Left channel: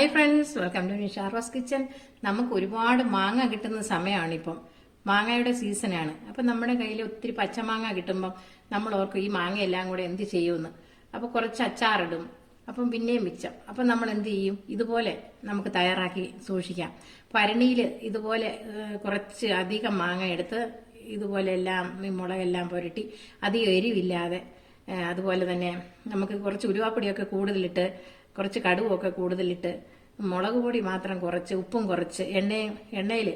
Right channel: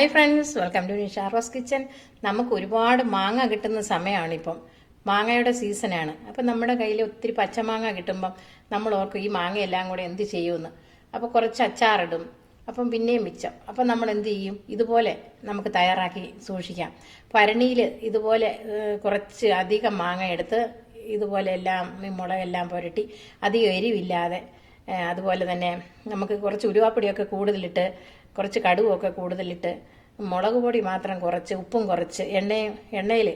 Hi friends welcome to Sharva's kitchen നമുക്ക് ഒരുപാട് മാങ്ങ കിട്ടുന്ന സമയമാണ് ഇപ്പം മാങ്ങയുടെ സീസണാണ് അപ്പം നമ്മുടെ കയ്യിൽ ഒത്തിരി പച്ചമാങ്ങ കിട്ടുമ്പം നമ്മൾ ഓർക്കും ഈ മാങ്ങയെല്ലാം കൂടെ എന്ത് ചെയ്യുമെന്ന്. അപ്പോൾ കുറച്ച് അച്ചാറിടും. അപ്പം പിന്നെയും മിച്ചം അപ്പം നമ്മൾ എന്ത് ചെയ്യും? ഇതുപോലെ നമുക്ക് തയ്യാറാക്കി സൂക്ഷിക്കാം. ഭരണിയിൽ ഇതുപോലെ കുറച്ച് അധികം മാങ്ങ എടുത്ത് ഇതുപോലെ എല്ലാം മുളകെല്ലാം പുരട്ടി അധികം എരിവില്ലാതെ അതുപോലെ തന്നെ നമുക്ക് കുറച്ച് ഉരുവാപ്പൊടിയൊക്കെ കൂടുതലിട്ട് കുറച്ച് കടുവൊക്കെ കൂടുതലിട്ട് മുളക് പൊടി മാത്രം കുറച്ച് ഉപ്പും കുറച്ച് എണ്ണയും എണ്ണയിൽ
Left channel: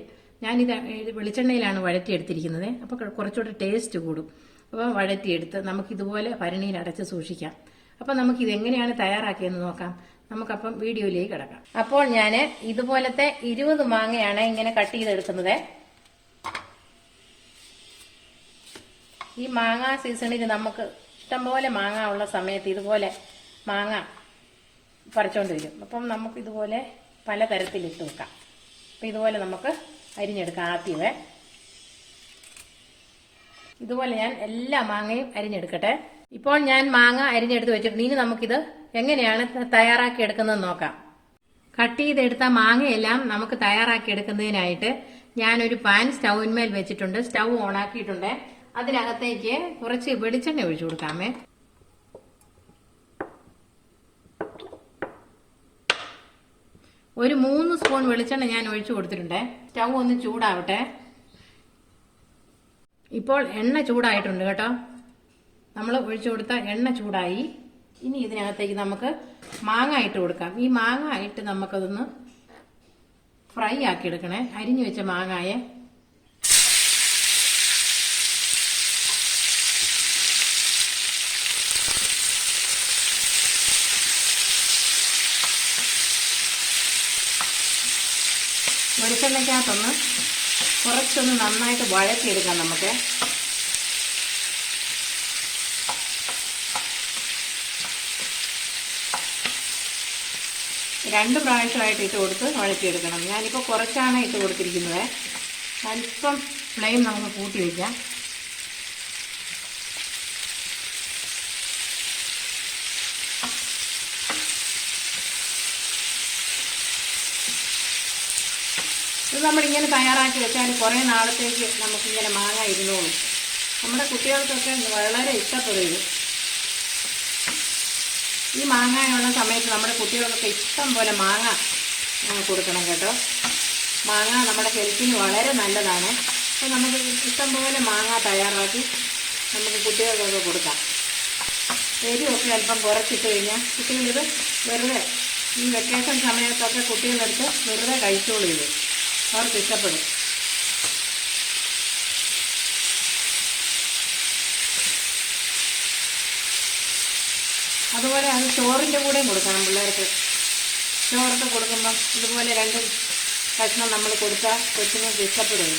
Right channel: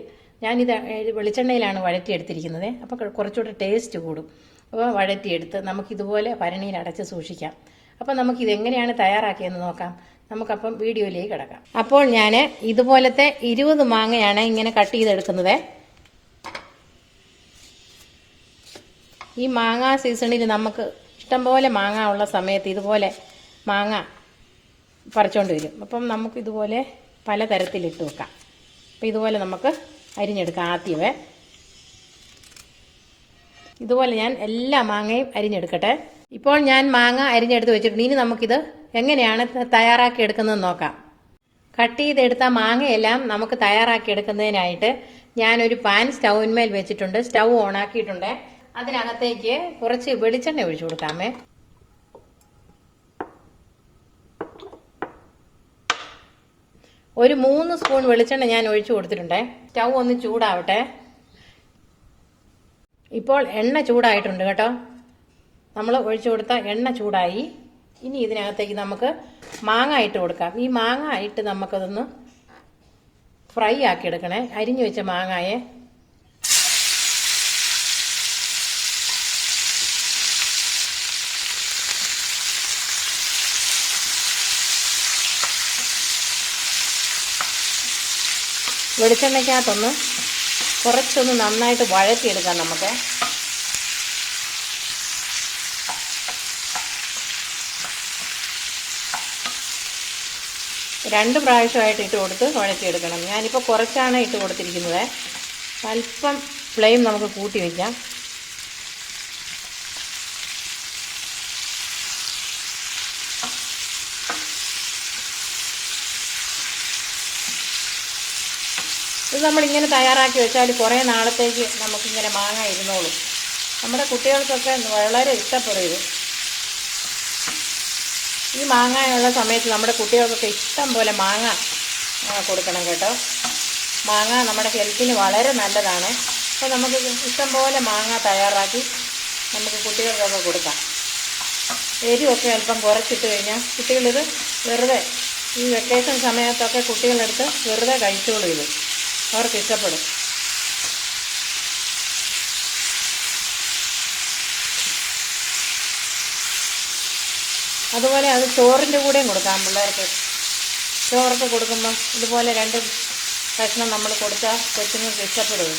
ഞാനിത് വെളിച്ചെണ്ണയിലാണ് വഴറ്റിയെടുത്തിരിക്കുന്നത്. അപ്പോൾ കുറച്ചുകൂടെ ടേസ്റ്റ് കൂടും. അപ്പോൾ വഴറ്റിയെടുത്ത് നമുക്കിതുപോലെ ഭരണിയിൽ അടച്ച് സൂക്ഷിക്കാം. അപ്പോൾ നമുക്കിത് എങ്ങനെയാണ് തയ്യാറാക്കിയെന്ന് നോക്കാം. നമുക്കപ്പം വീഡിയോയിലേക്ക് കിടക്കാം. അപ്പോൾ ഞാൻ ഇതുപോലത്തെ ഇരുപത് മാങ്ങയാണ് ഇങ്ങനെ കട്ട് ചെയ്തെടുക്കുന്നത്. ഈ മാങ്ങ സീസണിൽ നമുക്ക് ഇഷ്ടംപോലെ മാങ്ങ ഉള്ള സമയത്ത് ഇതുപോലെ മാങ്ങ പറിച്ചോണ്ട് വരും അപ്പം നമുക്ക് ഇതുപോലെ പലതരത്തിലിട്ട് വെക്കാം. അപ്പം ഇതുപോലെ നമുക്ക് അരിഞ്ഞെടുക്കാം ആദ്യമേ. ഇതുപോലെ ഞാൻ എല്ലാ മാങ്ങയും അരിഞ്ഞെടുക്കട്ടെ. ഇപ്പോൾ ഞാൻ മാങ്ങ അരിഞ്ഞെടുത്ത് വെച്ചിട്ടുണ്ട്. ഇനി നമുക്കിത് എങ്ങനെയാണ് തയ്യാറാക്കി എടുക്കുന്നത് നോക്കാം. കട്ട് ചെയ്തെടുത്ത മാങ്ങയെല്ലാം നമുക്ക് തയ്യാറാക്കി എടുക്കുന്നതിനായിട്ട് ഞാനൊരു പാൻ സ്റ്റൗവിന്മേൽ വെച്ചിട്ടുണ്ട്. സ്റ്റൗ ഓണാക്കിയിട്ടുണ്ട്. അതിനകത്തേക്ക് കുറച്ച് വെളിച്ചെണ്ണ ഒഴിച്ചു കൊടുക്കാമേ. ഒരു മൂന്ന് സ്പൂൺ വെളിച്ചെണ്ണ ഞാൻ ഒഴിച്ചു കൊടുത്തിട്ടുണ്ട്. സ്റ്റൗ ഒന്ന് ചൂടാവട്ടെ. ഇപ്പോൾ എണ്ണ ചൂടായിട്ടുണ്ട് കേട്ടോ. നമ്മൾ ഒഴിച്ചു കൊടുത്ത എണ്ണ ചൂടായി. ഇനി ഇതിനകത്തേക്ക് നമുക്ക് മാങ്ങ ഇട്ട് കൊടുക്കാം. ഈ മാങ്ങ ഇട്ട് നമുക്കതൊന്ന് ഫ്രൈ ആക്കി എടുക്കണേ. അരിഞ്ഞു വെച്ച മാങ്ങായെ വെളിച്ചെണ്ണയ്ക്കകത്തൊന്ന് കുറച്ചൊന്ന് നന്നായിട്ട് വഴറ്റിയെടുക്കാം നമുക്ക്. രണ്ട് പ്രാവശ്യമായിട്ട് ഇട്ട് കൊടുത്ത് വഴറ്റിയെടുക്കണം. ഞാനിപ്പോൾ കുറച്ചാണ് ഇട്ട് കൊടുത്തിരിക്കുന്നത്. അല്പം ഫ്ലെയിം നമുക്ക് കൂട്ടി വയ്ക്കാം ഇത് നമ്മളിങ്ങനെ തയ്യാറാക്കി വെച്ചാൽ കുറേ നാളത്തേക്ക് നമുക്കിങ്ങനെ മാങ്ങ ഇരുന്നോളും. നമ്മുടെ കുട്ടികൾക്കൊക്കെ വളരെ ഇഷ്ടപ്പെടും ഇത് ഈ മാങ്ങയുള്ള സമയത്ത് നമ്മുടെ കുട്ടികൾക്കൊക്കെ ഇഷ്ടം പോലെ മാങ്ങ കൊടുക്കണം കേട്ടോ. മാങ്ങ നമ്മുടെ ഹെൽത്തിന് വളരെ നല്ലതാണ്. അപ്പോൾ നമുക്ക് ഇഷ്ടം പോലെ മാങ്ങ തയ്യാറാക്കി നമുക്ക് കുട്ടികൾക്കൊക്കെ കൊടുക്കാം. എരിവൊക്കെ അല്പം കുറച്ചിട്ട് കഴിഞ്ഞാൽ കുട്ടികളിത് വെറുതെ ഈ വെക്കേഷൻ സമയത്തൊക്കെ കുട്ടികളെടുത്ത് വെറുതെ കഴിച്ചോളൂ അവർക്ക് ഇഷ്ടപ്പെടും. അതുപോലെ അത് ചോറിന്റെ കൂടെയും കൊടുക്കാം പിള്ളേർക്ക്. ചോറൊക്കെ കൊടുക്കുമ്പോൾ ഇതുപോലെ രണ്ട് കഷ്ണം നമ്മൾ കൊടുത്താൽ കൊച്ചുങ്ങൾക്ക് ഇഷ്ടപ്പെടും.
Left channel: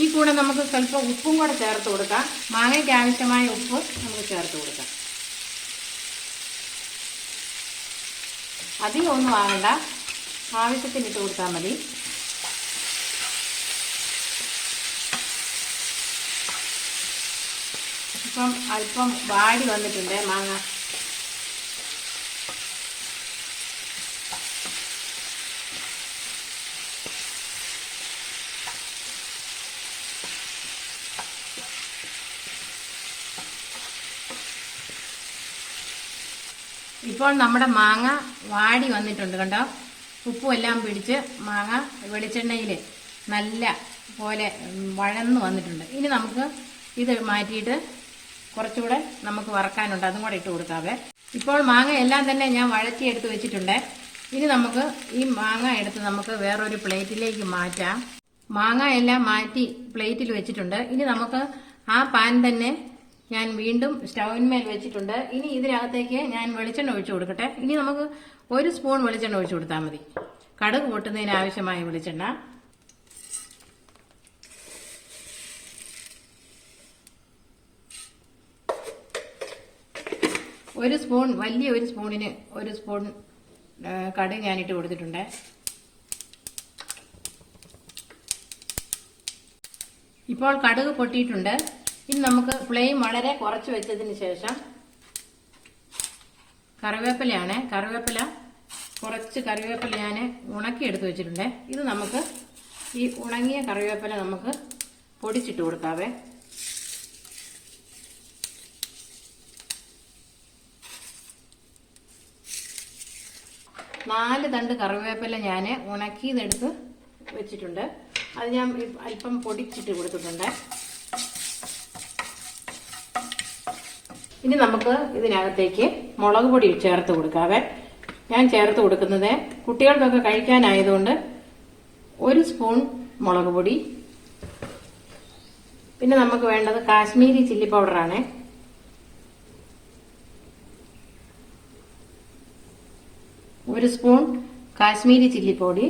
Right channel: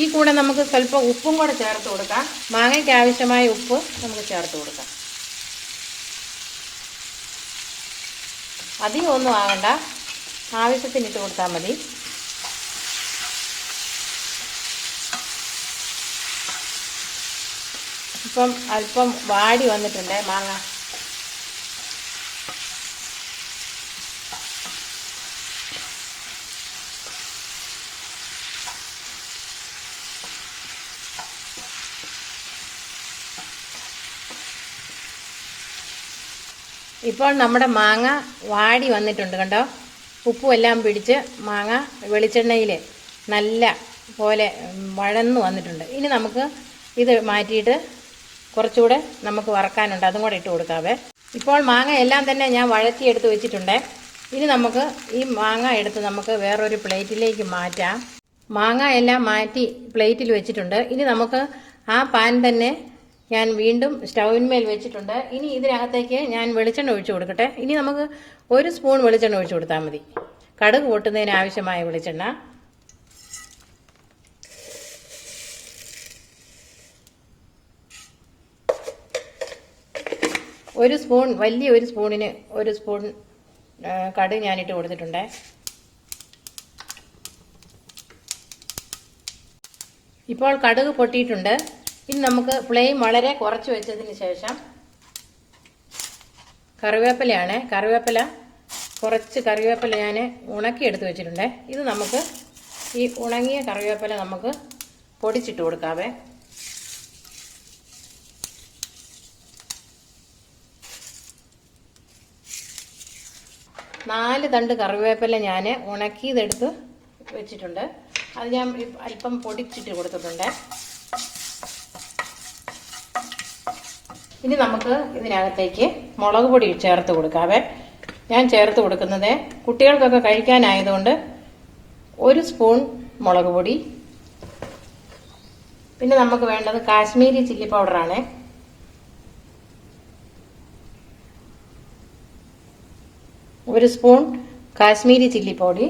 ഈ കൂടെ നമുക്ക് സ്വല്പം ഉപ്പും കൂടെ ചേർത്ത് കൊടുക്കാം. മാങ്ങയ്ക്ക് ആവശ്യമായ ഉപ്പ് നമുക്ക് ചേർത്ത് കൊടുക്കാം. അധികം ഒന്നും ആവണ്ട. ആവശ്യത്തിന് ഇട്ട് കൊടുത്താൽ മതി. ഇപ്പം അല്പം വാടി വന്നിട്ടുണ്ട് മാങ്ങ. ഇപ്പോൾ നമ്മുടെ മാങ്ങ വാടി വന്നിട്ടുണ്ട് കണ്ടോ? ഉപ്പും എല്ലാം പിടിച്ച് മാങ്ങ വെളിച്ചെണ്ണയിൽ നല്ല പോലെ വഴന്ന് വഴന്നു വന്നിട്ടുണ്ട്. ഇനി നമുക്ക് ഇത് മാറ്റിയിട്ട് കുറച്ചുകൂടെ നമുക്ക് വറക്കാനുണ്ട്. അതും കൂടെ ഇട്ട് കൊടുക്കാവേ. ഇപ്പോൾ മാങ്ങ എല്ലാം തന്നെ ഞാൻ വഴറ്റിയെടുത്ത് വെച്ചിട്ടുണ്ട്. ഇനി നമുക്ക് ഈ മാങ്ങ എടുത്ത് നമുക്ക് വേറൊരു പ്ലേറ്റിലേക്ക് മാറ്റാം. മാങ്ങ എല്ലാം മാറ്റി പ്ലേറ്റിൽ വെച്ചിട്ടുണ്ട്. ഇനി നമുക്ക് ആ പാൻ തന്നെ ഞാൻ വീണ്ടും സ്റ്റൗവിന്മേൽ വെച്ചിട്ടുണ്ട്. ഇനി ഇതിനകത്തേക്ക് ഞാൻ വെളിച്ചെണ്ണ ഒഴിച്ചു കൊടുക്കട്ടെ. ഇനി നമുക്ക് ഒരു സ്പൂൺ വെളിച്ചെണ്ണ ഒഴിച്ചു കൊടുത്താൽ മതി. കടുക് പൊട്ടുന്നതിന് ആവശ്യമായ വെളിച്ചെണ്ണ. ഒരു സ്പൂൺ വലിയ ഒരു സ്പൂണിന് ഒരു സ്പൂൺ കടുക് ഞാനിട്ട് കൊടുത്തിട്ടുണ്ട്. ഇപ്പോൾ കടുക് പൊട്ടിയിട്ടുണ്ട്. ഇനി നമുക്ക് ഫ്ലെയിം വളരെ കുറച്ച് വെച്ചതിന് ശേഷം കറിവേപ്പിലയാണ്. കറിവേപ്പില കുറച്ച് കറിവേപ്പില ഞാൻ ഉണക്കി എടുത്ത് വെച്ചിട്ടുണ്ട്. ഇത് നമുക്ക് ഈ ഉണങ്ങിയ കറിവേപ്പില നമുക്ക് പൊടിച്ചിട്ട് കൊടുക്കാവേ. നാല് തണ്ട് കറിവേപ്പില ഞാൻ ഉണക്കിയതെടുത്ത് വെച്ചിട്ടുണ്ട്. അത് ഞാൻ അല്പം പൊടിച്ചിട്ട് കൊടുത്തിട്ടുണ്ട്. ഇനി നമുക്ക് ഇതിനകത്തേക്ക് മുളക് പൊടി ചേർത്ത് കൊടുക്കാവേ ഞാൻ ചേർത്ത് കൊടുക്കുന്നത് കുട്ടികൾക്കൊക്കെ കഴിക്കാനായതുകൊണ്ട് ഒരു സ്പൂൺ മുളക് പൊടി. പിന്നെ നമുക്ക് വേണ്ടത് കാശ്മീരി ചില്ലി പൗഡറാണ് ഒരു സ്പൂൺ കാശ്മീരി ചില്ലി പൊടി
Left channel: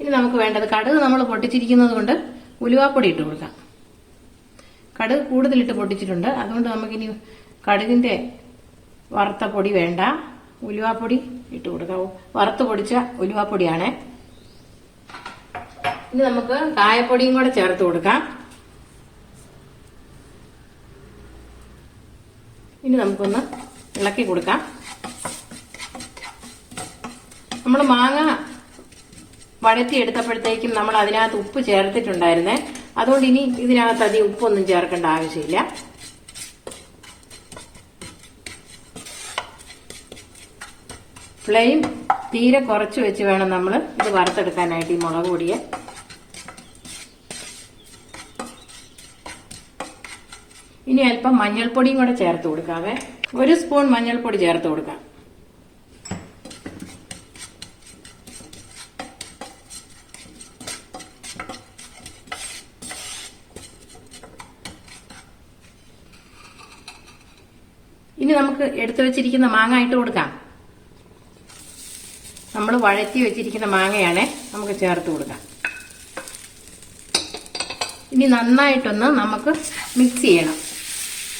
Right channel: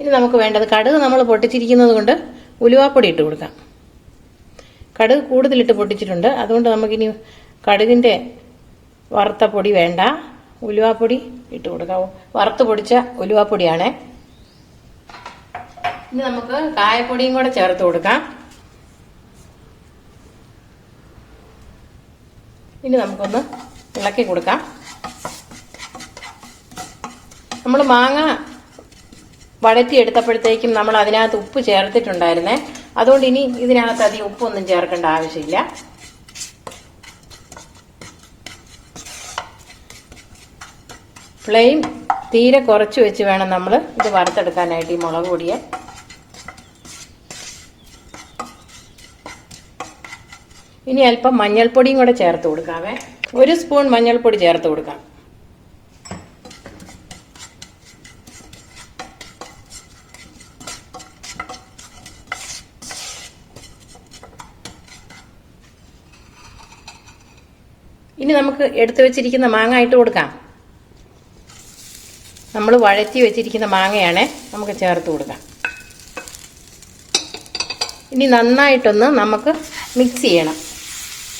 ഇനി നമുക്ക് വേണ്ടത് കടുക് നമ്മൾ പൊട്ടിച്ചിരിക്കുന്നത് കൊണ്ട് ഉലുവാപ്പൊടി ഇട്ട് കൊടുക്കാം. കടുക് കൂടുതലിട്ട് പൊട്ടിച്ചിട്ടുണ്ട്. അതുകൊണ്ട് നമുക്കിനി കടുകിന്റെ വറുത്ത പൊടി വേണ്ട. ഉലുവാപ്പൊടി ഇട്ട് കൊടുക്കാം. വറുത്ത് പൊടിച്ച ഉലുവാപ്പൊടിയാണ്. ഇനി നമുക്ക് കായപ്പൊടിയും കൂടെ ചേർത്ത് കൊടുക്കാം. ഇനി നമുക്കൊന്ന് ഇളക്കി കൊടുക്കാം. നമ്മൾ മാങ്ങ വഴറ്റി എടുത്തപ്പോഴത്തേക്കും നമ്മൾ അതിനകത്ത് ഉപ്പ് ചേർത്തിട്ടുണ്ടായിരുന്നേ. അതുകൊണ്ട് ഇനി ഇതിനകത്ത് അധികം ഉപ്പൊന്നും ചേർക്കേണ്ട ആവശ്യമില്ല. ഫ്ലെയിം തീരെ കുറച്ച് വെച്ച് വേണം നമ്മൾ ഇത് വറുത്തെടുക്കാനായിട്ട് ഈ മുളക് പൊടിയെ. ഇനി അല്പം മഞ്ഞൾപ്പൊടിയും കൂടെ ചേർത്ത് കൊടുക്കാവേ. ഒരു സ്പൂൺ മഞ്ഞൾപ്പൊടി ചേർത്ത് കൊടുക്കാം. ഇനി നമുക്ക് എടുത്തു വെച്ചിരിക്കുന്ന മാങ്ങ ഇട്ട് കൊടുക്കാം. നമ്മൾ വഴറ്റി വെച്ചിരിക്കുന്ന മാങ്ങയാണ് നമുക്ക് ചേർത്ത് കൊടുക്കാം. ഇനി നന്നായിട്ടൊന്ന് നമുക്ക് മിക്സ് ചെയ്യണം.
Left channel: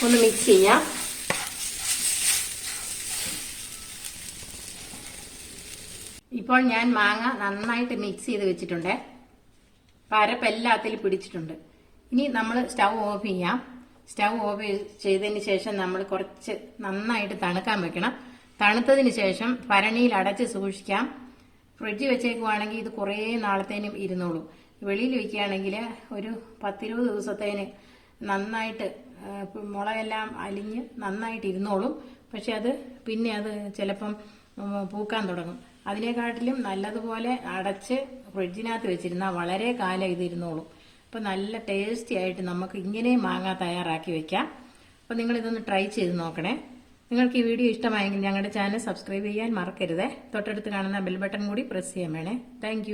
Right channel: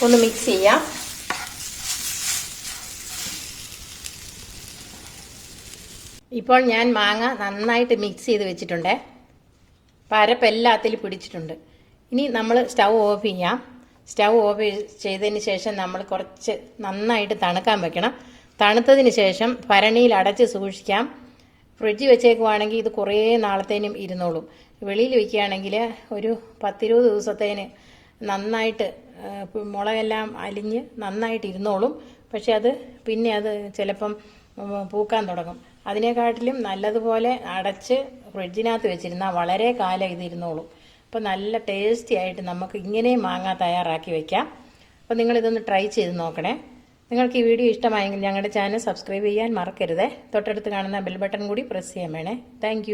ഒന്ന് മിക്സ് ചെയ്യാം. ഇപ്പോൾ ഞാൻ മാങ്ങ നന്നായിട്ട് മിക്സ് ചെയ്ത് വെച്ചിട്ടുണ്ട്. പരപ്പ് എല്ലാത്തിലും പിടിച്ചിട്ടുണ്ട്. ഇനി നമ്മൾ സ്റ്റൗ ഓഫ് ചെയ്യാം. സ്റ്റൗ ഓഫ് ചെയ്തതിന് ശേഷം നമ്മൾ കുറച്ച് നന്നായിട്ട് തണുക്കാൻ വെക്കണം. തണുത്തതിന് ശേഷം ഭരണിയിൽ അടച്ച് സൂക്ഷിക്കാം. ഫ്രിഡ്ജ് വെച്ചേക്കുവാണെങ്കിൽ ഇത് കുറേ നാളത്തേനും ഇരുന്നോളും. വെളിയിൽ വയ്ക്കുകയാണെങ്കിൽ ഒരു പത്തിരുപത് ദിവസത്തേന് നന്നായിട്ട് മുളകെല്ലാം അലിഞ്ഞ് നന്നായിട്ട് ഇരുന്നോളും. പക്ഷെ അത് പിന്നെ അത് ചിലപ്പം പൂക്കാൻ തുടങ്ങും. അതിനെക്കാട്ടിലും നല്ലതുപോലെ അടച്ച് ഫ്രിഡ്ജിനകത്ത് വെച്ചിരുന്നാൽ വളരെ കാലം ഇത് ഇരുന്നോളും. അപ്പോൾ നല്ല ടേസ്റ്റി ആയിട്ട് നമുക്ക് ഇങ്ങനെയും മാങ്ങ തയ്യാറാക്കി വെക്കാം. അപ്പോൾ നിങ്ങൾ ഇതൊന്ന് ട്രൈ ചെയ്ത് നോക്കണേ. നിങ്ങൾക്ക് ഈ വീഡിയോ ഇഷ്ടമായെങ്കിൽ ഞങ്ങളുടെ ചാനൽ സബ്സ്ക്രൈബ് ചെയ്യാൻ മറക്കരുത്. തൊട്ടടുത്ത് കാണുന്ന ബെൽ ബട്ടൺ കൂടി പ്രസ് ചെയ്യാൻ വേണേ. താങ്ക്